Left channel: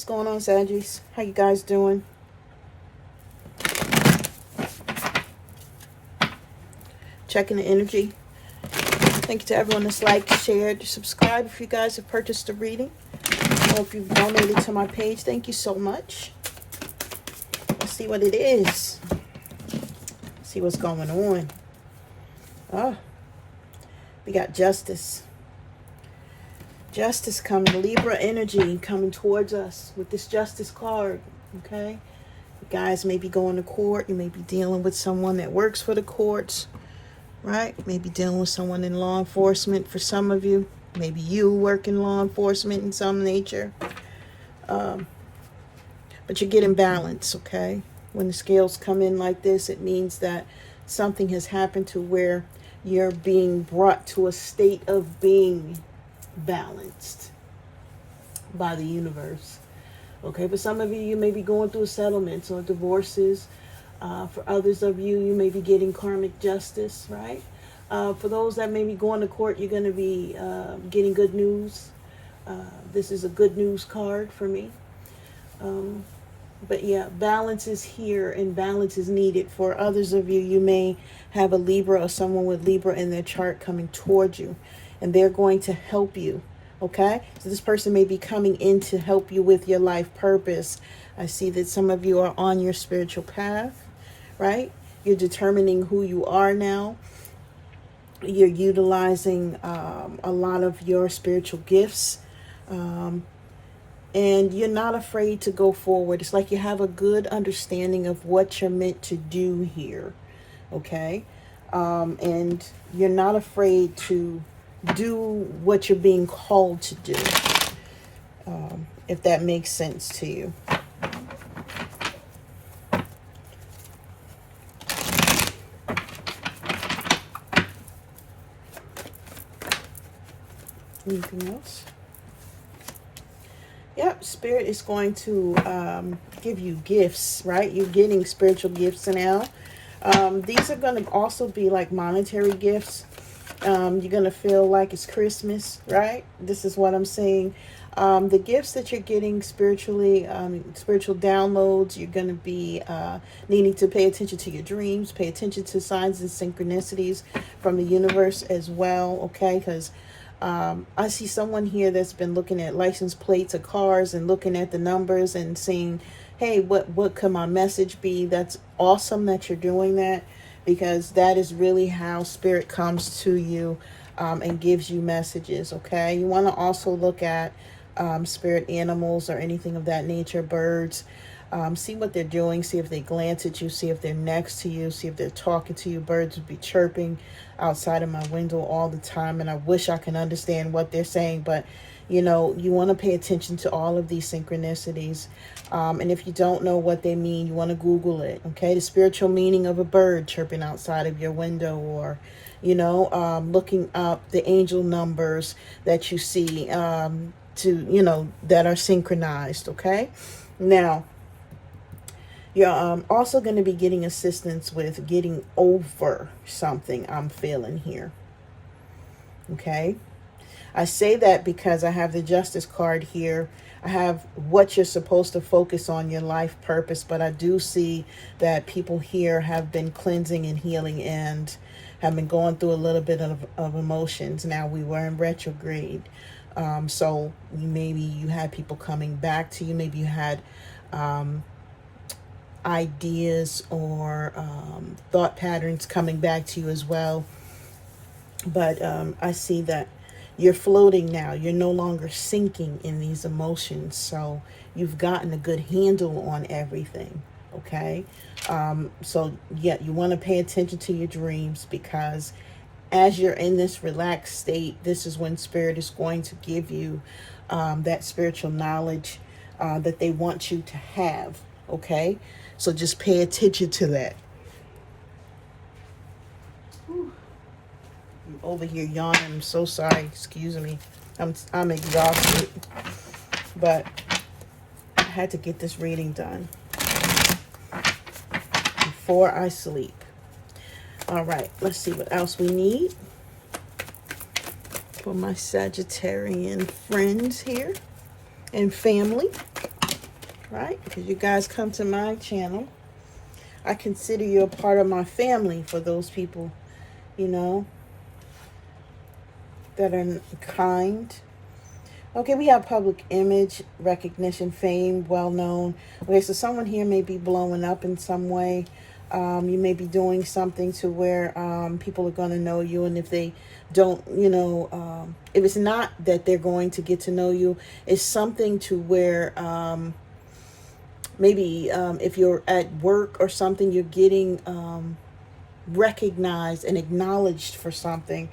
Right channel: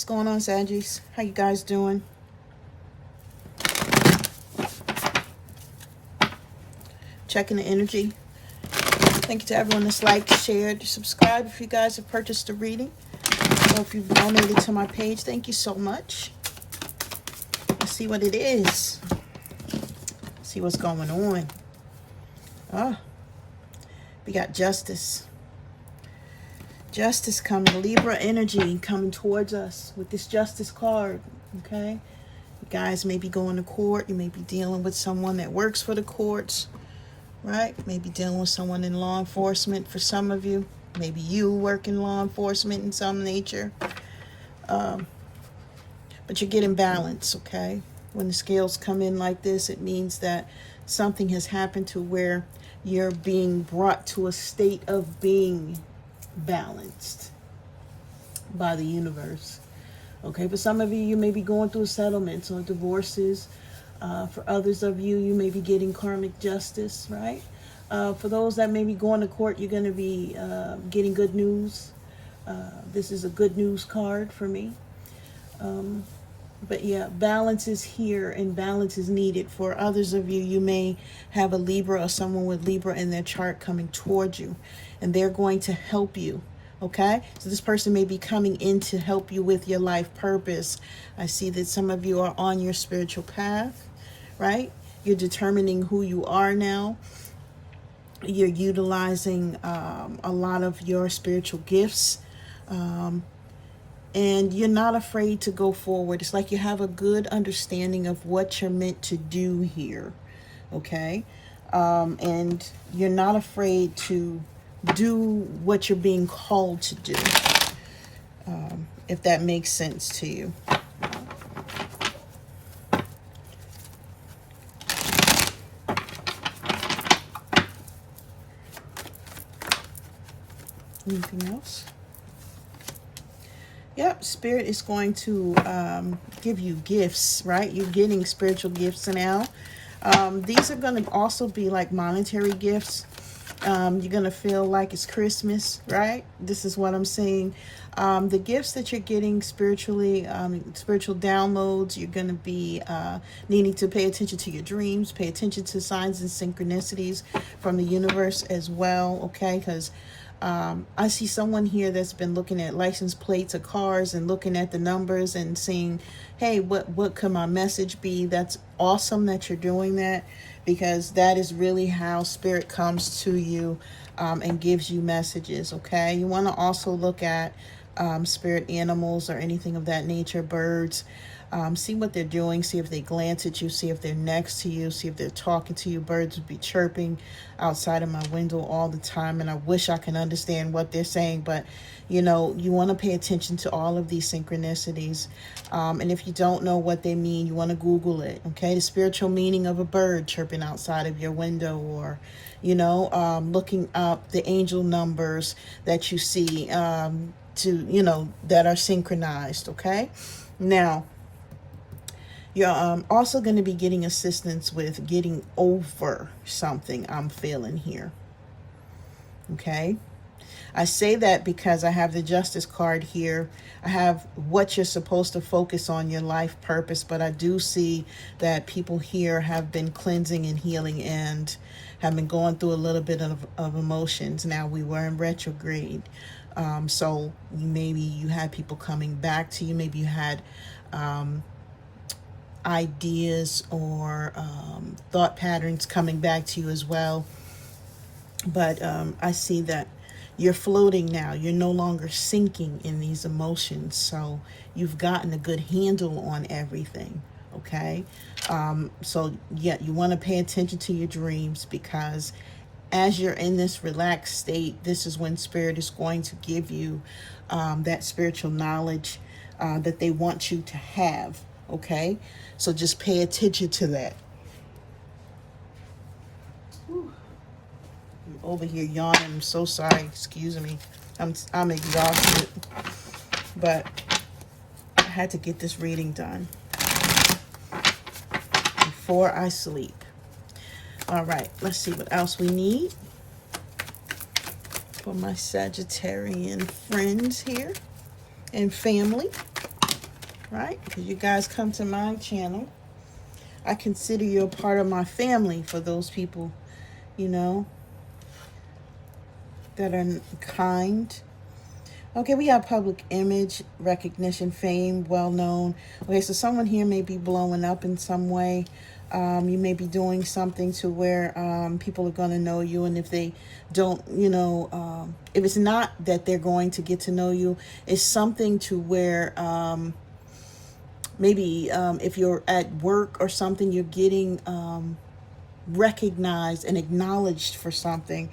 What's going on, Saggies? How you guys doing? Checking the energy. Thank you to everyone that's liked, shared, subscribed. If you guys have purchased a reading or if you've donated to my page, thank you so much. Let's see what it is. See what's going on. Oh, we got justice. Justice coming. Libra energy coming towards us with this justice card. Okay. You guys may be going to court. You may be dealing with someone that works for the courts. Right? Maybe dealing with someone in law enforcement for some of you. Maybe you work in law enforcement in some nature. But you're getting balance, okay? When the scales come in like this, it means that something has happened to where you're being brought to a state of being balanced by the universe. Okay, for some of you, you may be going through settlements or divorces. For others of you, you may be getting karmic justice, right? For those that may be going to court, you're going to be getting good news. This is a good news card for me. But yeah, balance is here and balance is needed. For others of you, you may have a Libra or someone with Libra in their chart coming towards you, and they're going to help you. Okay, so this person may be coming in to help you with your life purpose. I see that some of you are on your spiritual path, right? You're determining who you are now. You're utilizing a lot of your spiritual gifts. And you're not afraid to go forward. It's like you have a good understanding of what you're meant to do here. Okay? And you're not afraid to do what you're being called to do, if that makes sense to you. Anything else? Yep, Spirit is going to give you gifts, right? You're getting spiritual gifts now. These are going to also be like monetary gifts. You're going to feel like it's Christmas, right? This is what I'm saying. The gifts that you're getting spiritually, spiritual downloads, you're going to be needing to pay attention to your dreams, pay attention to signs and synchronicities from the universe as well, okay? Because I see someone here that's been looking at license plates of cars and looking at the numbers and saying, hey, what could my message be? That's awesome that you're doing that, because that is really how Spirit comes to you and gives you messages, okay? You want to also look at spirit animals or anything of that nature, birds. See what they're doing, see if they glance at you, see if they're next to you, see if they're talking to you. Birds would be chirping outside of my window all the time, and I wish I can understand what they're saying, but you know, you want to pay attention to all of these synchronicities. And if you don't know what they mean, you want to Google it, okay? The spiritual meaning of a bird chirping outside of your window, or, you know, looking up the angel numbers that you see to, you know, that are synchronized, okay? Now, you're also going to be getting assistance with getting over something I'm feeling here, okay? I say that because I have the Justice card here. I have what you're supposed to focus on, your life purpose, but I do see that people here have been cleansing and healing and have been going through a little bit of emotions. Now, we were in retrograde, so maybe you had people coming back to you. Maybe you had ideas or thought patterns coming back to you as well. But I see that you're floating now. You're no longer sinking in these emotions. So you've gotten a good handle on everything. Okay. So yeah, you want to pay attention to your dreams, because as you're in this relaxed state, this is when Spirit is going to give you that spiritual knowledge that they want you to have. Okay. So just pay attention to that. Over here yawning. I'm so sorry. Excuse me. I'm exhausted, but I had to get this reading done before I sleep. All right, let's see what else we need for my Sagittarian friends here and family. right? Because you guys come to my channel. I consider you a part of my family for those people, you know, that are kind. Okay, we have public image, recognition, fame, well-known. Okay, so someone here may be blowing up in some way. You may be doing something to where people are going to know you. And if they don't, you know, if it's not that they're going to get to know you, it's something to where maybe if you're at work or something, you're getting recognized and acknowledged for something.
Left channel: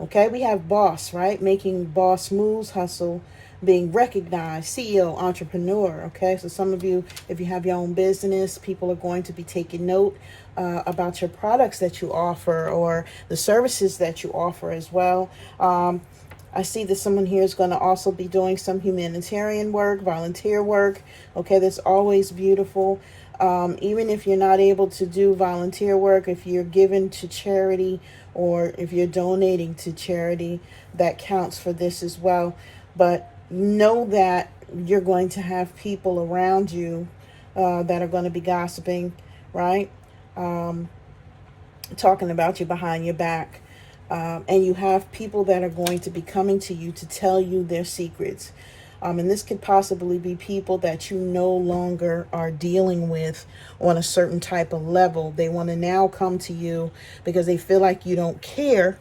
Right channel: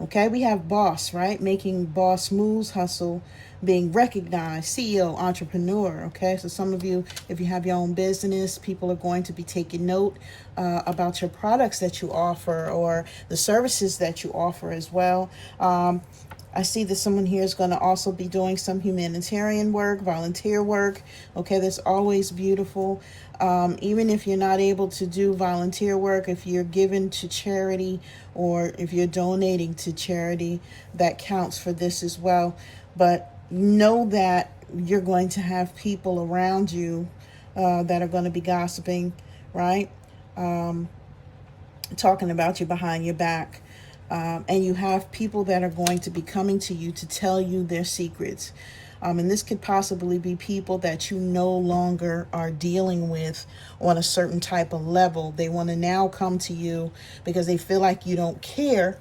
Okay, we have boss, right? Making boss moves, hustle, being recognized, CEO, entrepreneur. Okay, so some of you, if you have your own business, people are going to be taking note about your products that you offer or the services that you offer as well. I see that someone here is going to also be doing some humanitarian work, volunteer work. Okay, that's always beautiful. Even if you're not able to do volunteer work, if you're given to charity or if you're donating to charity, that counts for this as well. But know that you're going to have people around you that are going to be gossiping, right? Talking about you behind your back. And you have people that are going to be coming to you to tell you their secrets. And this could possibly be people that you no longer are dealing with on a certain type of level. They want to now come to you because they feel like you don't care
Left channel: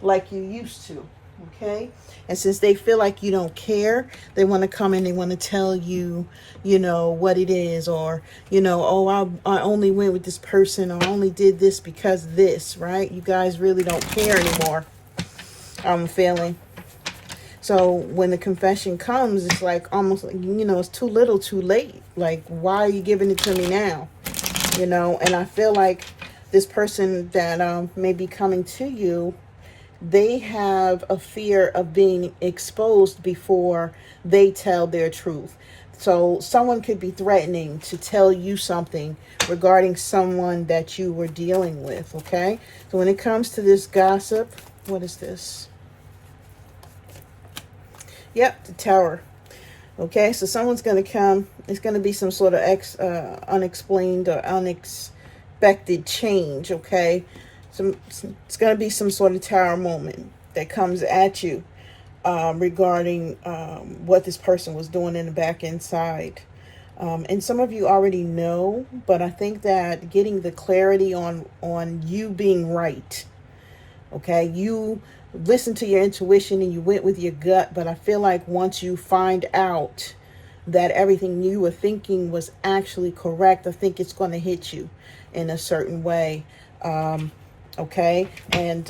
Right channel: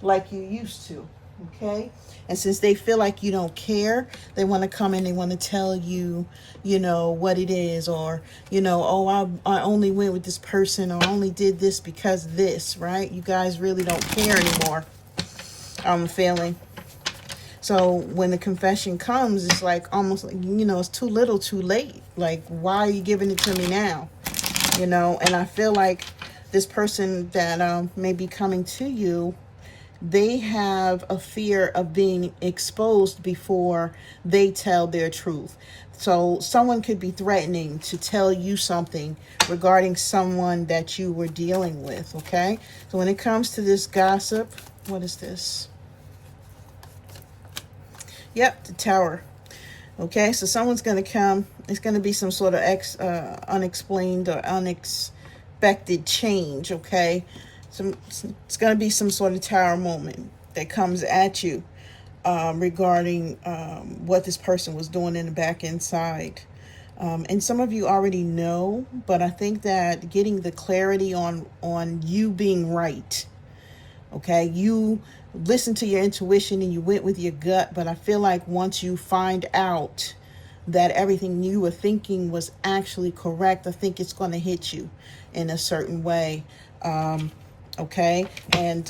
like you used to. Okay? And since they feel like you don't care, they want to come in, they want to tell you, you know, what it is, or, you know, oh, I only went with this person, or I only did this because this, right? You guys really don't care anymore, I'm feeling. So when the confession comes, it's like almost like, you know, it's too little, too late. Like, why are you giving it to me now? You know, and I feel like this person that may be coming to you, they have a fear of being exposed before they tell their truth. So someone could be threatening to tell you something regarding someone that you were dealing with, okay? So when it comes to this gossip, what is this? Yep, the Tower. Okay, so someone's going to come. It's going to be some sort of unexplained or unexpected change, okay? It's going to be some sort of Tower moment that comes at you regarding what this person was doing in the back inside. And some of you already know, but I think that getting the clarity on you being right, okay? You listen to your intuition and you went with your gut, but I feel like once you find out that everything you were thinking was actually correct, I think it's going to hit you in a certain way. Okay, and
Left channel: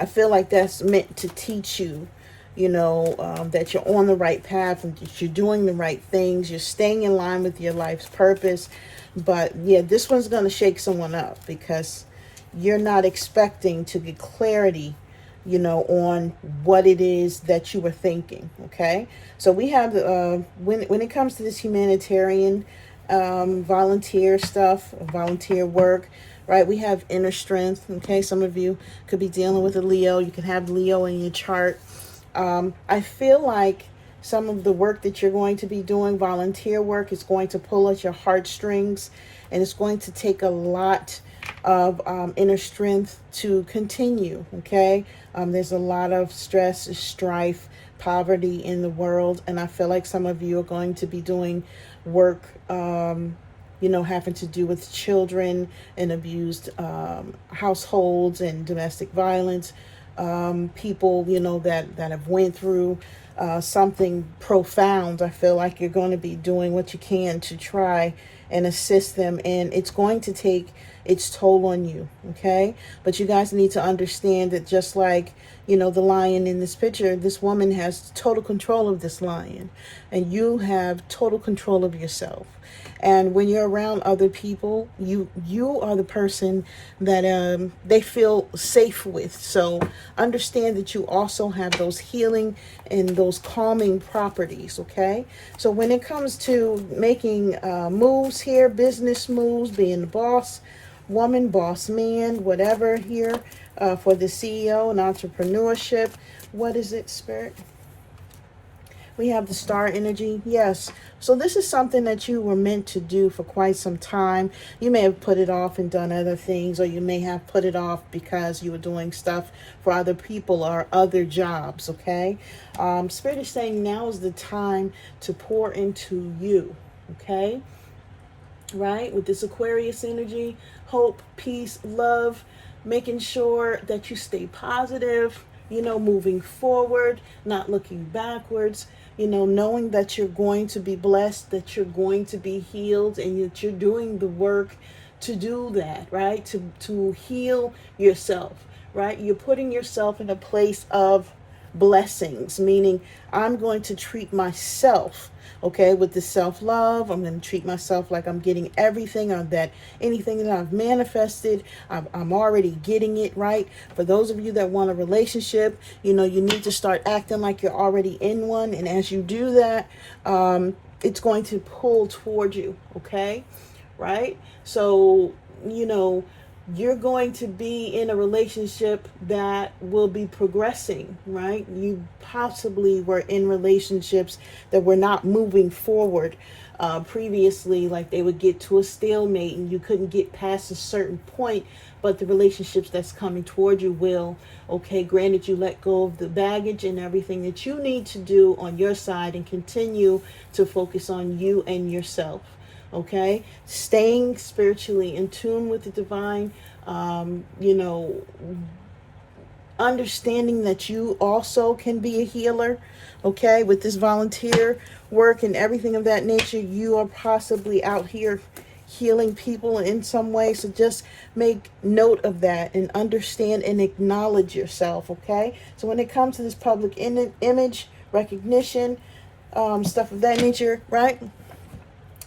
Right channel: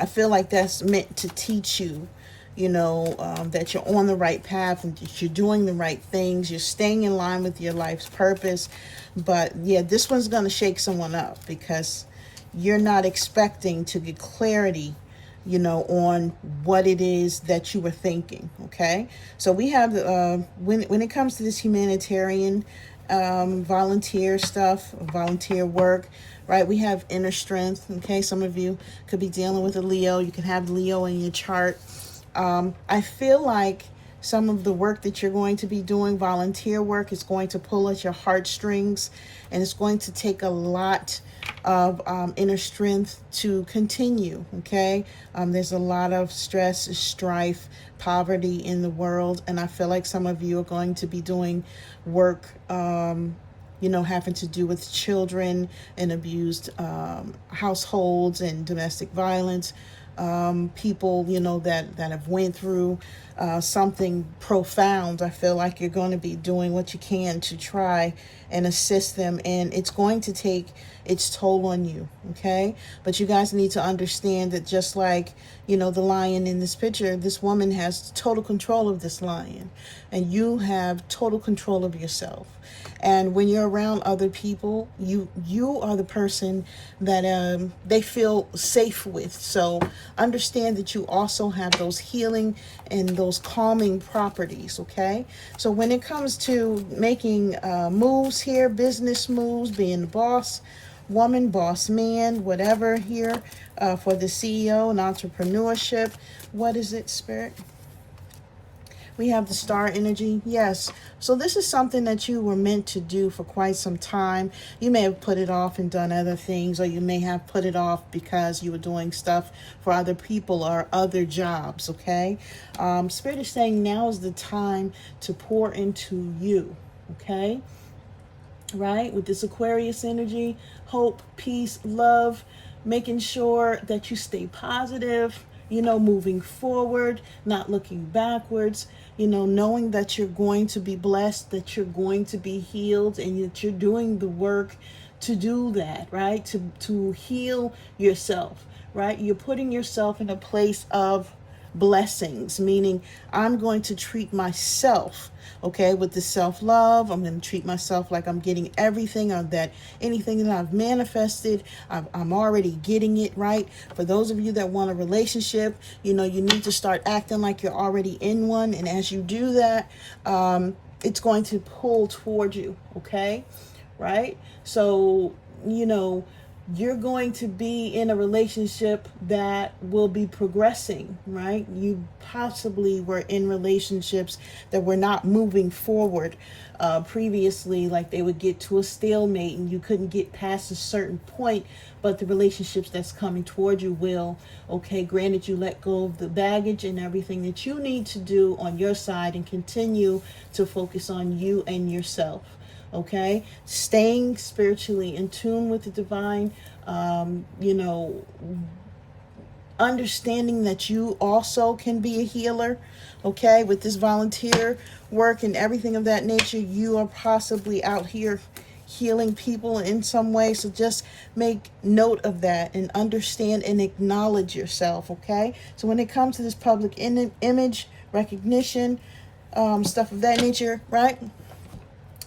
I feel like that's meant to teach you, you know, that you're on the right path and that you're doing the right things, you're staying in line with your life's purpose. But yeah, this one's going to shake someone up because you're not expecting to get clarity, you know, on what it is that you were thinking. Okay, so we have when it comes to this humanitarian volunteer stuff, volunteer work, right? We have inner strength. Okay, some of you could be dealing with a Leo. You can have Leo in your chart. I feel like some of the work that you're going to be doing, volunteer work, is going to pull at your heartstrings, and it's going to take a lot of inner strength to continue. Okay, there's a lot of stress, strife, poverty in the world, and I feel like some of you are going to be doing work, you know, having to do with children and abused households and domestic violence. People, you know, that have went through something profound. I feel like you're going to be doing what you can to try and assist them, and it's going to take its toll on you. Okay, but you guys need to understand that just like, you know, the lion in this picture, this woman has total control of this lion, and you have total control of yourself. And when you're around other people, you are the person that they feel safe with. So understand that you also have those healing and those calming properties, okay? So when it comes to making moves here, business moves, being the boss woman, boss man, whatever here for the CEO and entrepreneurship, what is it, Spirit? We have the star energy. Yes. So this is something that you were meant to do for quite some time. You may have put it off and done other things, or you may have put it off because you were doing stuff for other people or other jobs, okay? Spirit is saying now is the time to pour into you, okay? Right? With this Aquarius energy, hope, peace, love, making sure that you stay positive, you know, moving forward, not looking backwards, you know, knowing that you're going to be blessed, that you're going to be healed, and that you're doing the work to do that, right? To heal yourself, right? You're putting yourself in a place of blessings, meaning I'm going to treat myself, okay, with the self-love. I'm going to treat myself like I'm getting everything of that, anything that I've manifested, I'm already getting it, right? For those of you that want a relationship, you know, you need to start acting like you're already in one. And as you do that, it's going to pull toward you, okay? Right? So, you know, you're going to be in a relationship that will be progressing, right? You possibly were in relationships that were not moving forward previously, like they would get to a stalemate and you couldn't get past a certain point, but the relationships that's coming toward you will, okay, granted you let go of the baggage and everything that you need to do on your side and continue to focus on you and yourself. Okay, staying spiritually in tune with the divine, you know, understanding that you also can be a healer. Okay, with this volunteer work and everything of that nature, you are possibly out here healing people in some way. So just make note of that and understand and acknowledge yourself. Okay, so when it comes to this public image recognition, stuff of that nature, right?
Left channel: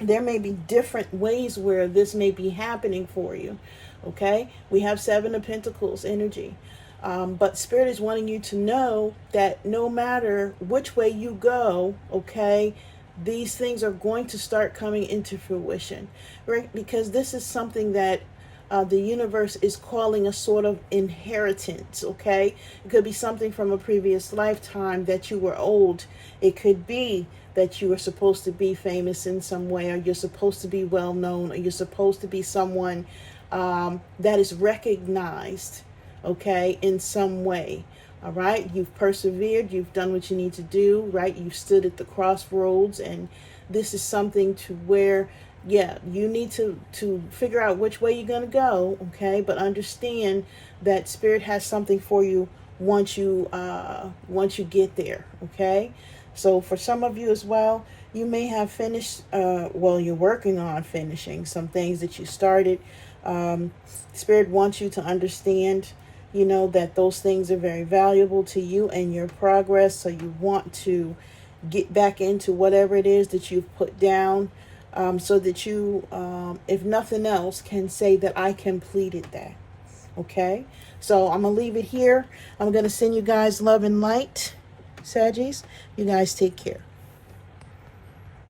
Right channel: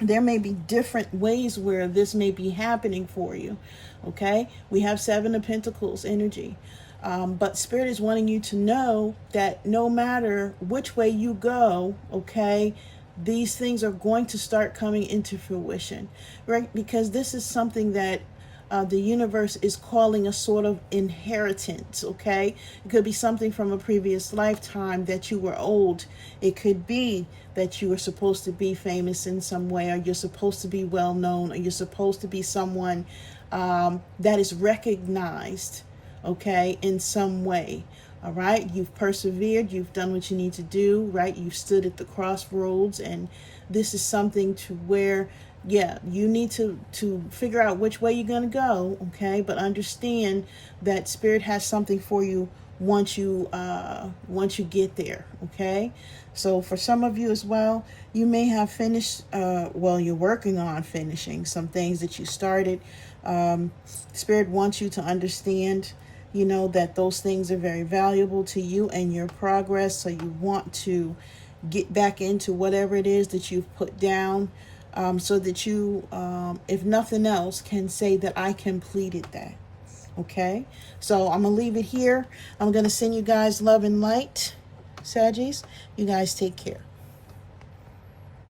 There may be different ways where this may be happening for you, okay? We have Seven of Pentacles energy. But Spirit is wanting you to know that no matter which way you go, okay, these things are going to start coming into fruition, right? Because this is something that the universe is calling a sort of inheritance, okay? It could be something from a previous lifetime that you were old. It could be that you are supposed to be famous in some way, or you're supposed to be well known, or you're supposed to be someone that is recognized, okay, in some way. All right, you've persevered, you've done what you need to do, right? You've stood at the crossroads, and this is something to where, yeah, you need to figure out which way you're going to go, okay? But understand that Spirit has something for you once you get there, okay? So for some of you as well, you may have finished, well, you're working on finishing some things that you started. Spirit wants you to understand, you know, that those things are very valuable to you and your progress. So you want to get back into whatever it is that you've put down, so that you, if nothing else, can say that I completed that. Okay, so I'm going to leave it here. I'm going to send you guys love and light, Saggies. You guys take care.